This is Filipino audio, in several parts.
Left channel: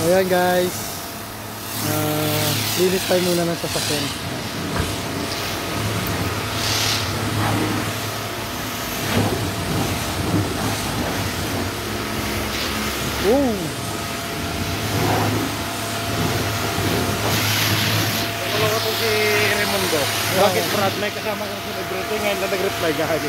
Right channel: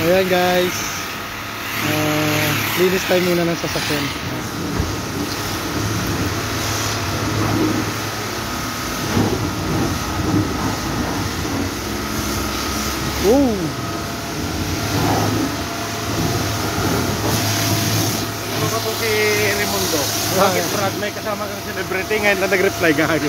Ayan guys, linis tayo muna ng sasakyan. Oh, ako si Raimundo. Bakit Brad, may kasama kang celebrity ngayon na nag-reply gago.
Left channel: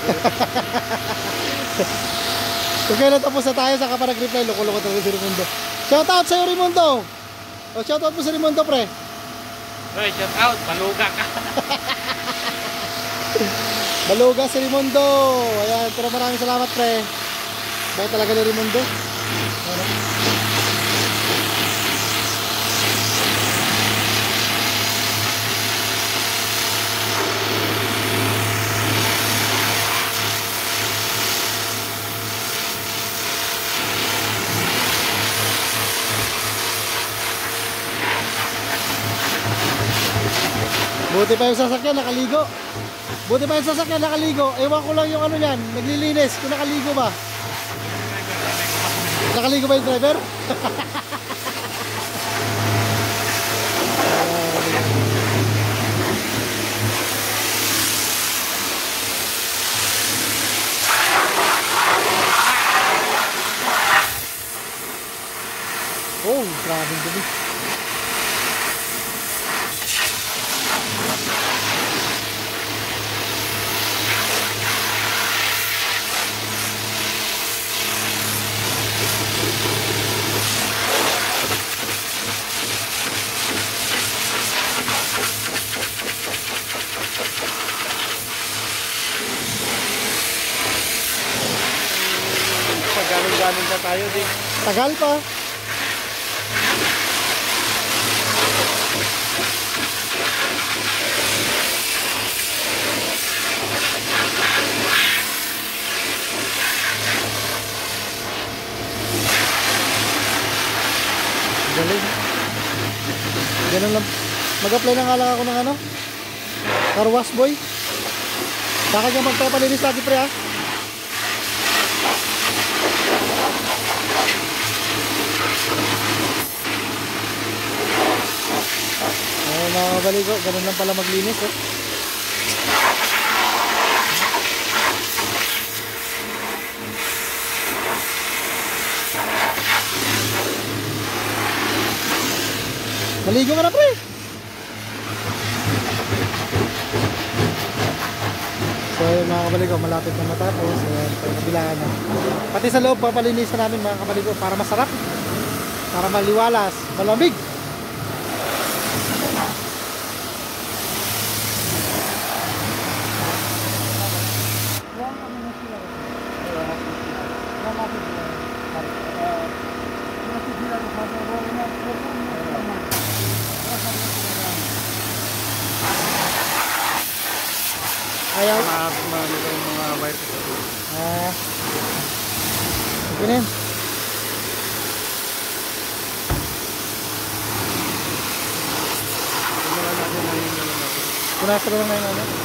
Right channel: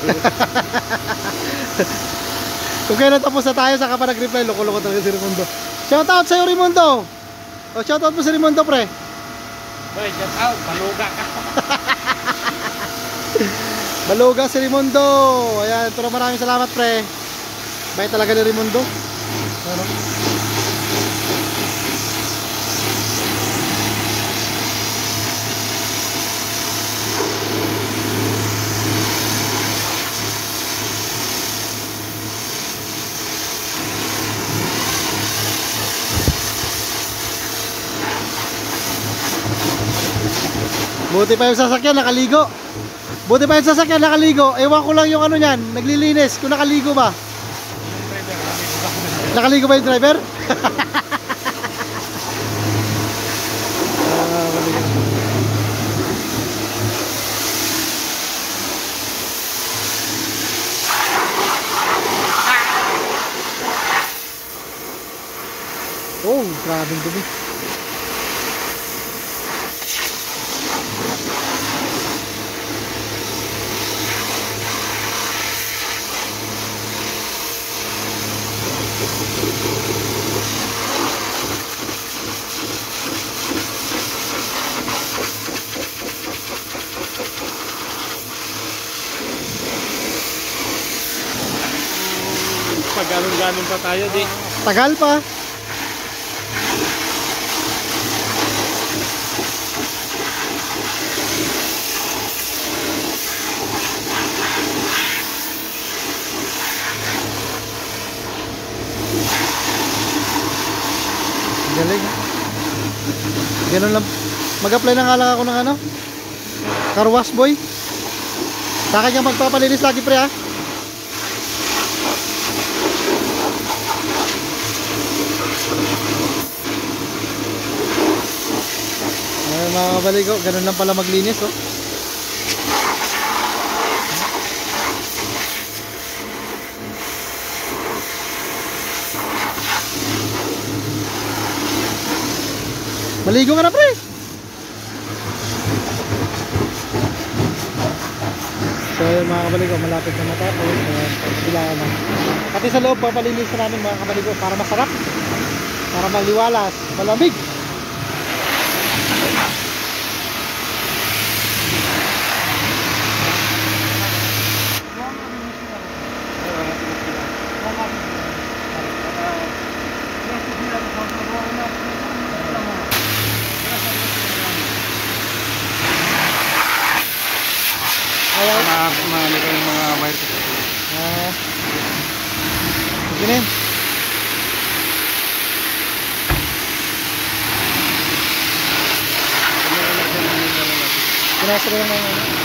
kung kailan tapos na tayo, saka pa nag-reply. Loko-loko talaga si Raimundo. Shoutout sa'yo, Raimundo. O, shoutout mo si Raimundo, pre. Hoy, shoutout, baluga ka. Baluga si Raimundo. Ayan, pero maraming salamat, pre. Bait talaga ni Raimundo. Ano? Buti pa yung sasakyan nakaligo. Buti pa yung sasakyan nakaligo. Ewan ko lang yung ano niyan, naglilinis kung nakaligo ba. Nakaligo ba yung driver? Oh, grabing dumi. Galing pa tayo di. Tagal pa. Galing. Ganun lang. Mag-apply na nga lang ako ng ano, car wash boy. Sa akin kang magpapalinis lagi, pre, ha. Ay, mga kabaligo, ganun lang pala maglinis, oh. Maligo ka na, pre. So yun mga kabaligo, malapit na matapos. Ayan, pagkabilaan na. Pati sa loob, papalinis na namin mga kabaligo para masarap, para maliwalas, malamig. Ayaw. Mga wire ko. Sige na yun. Pinasa lang na yung ano.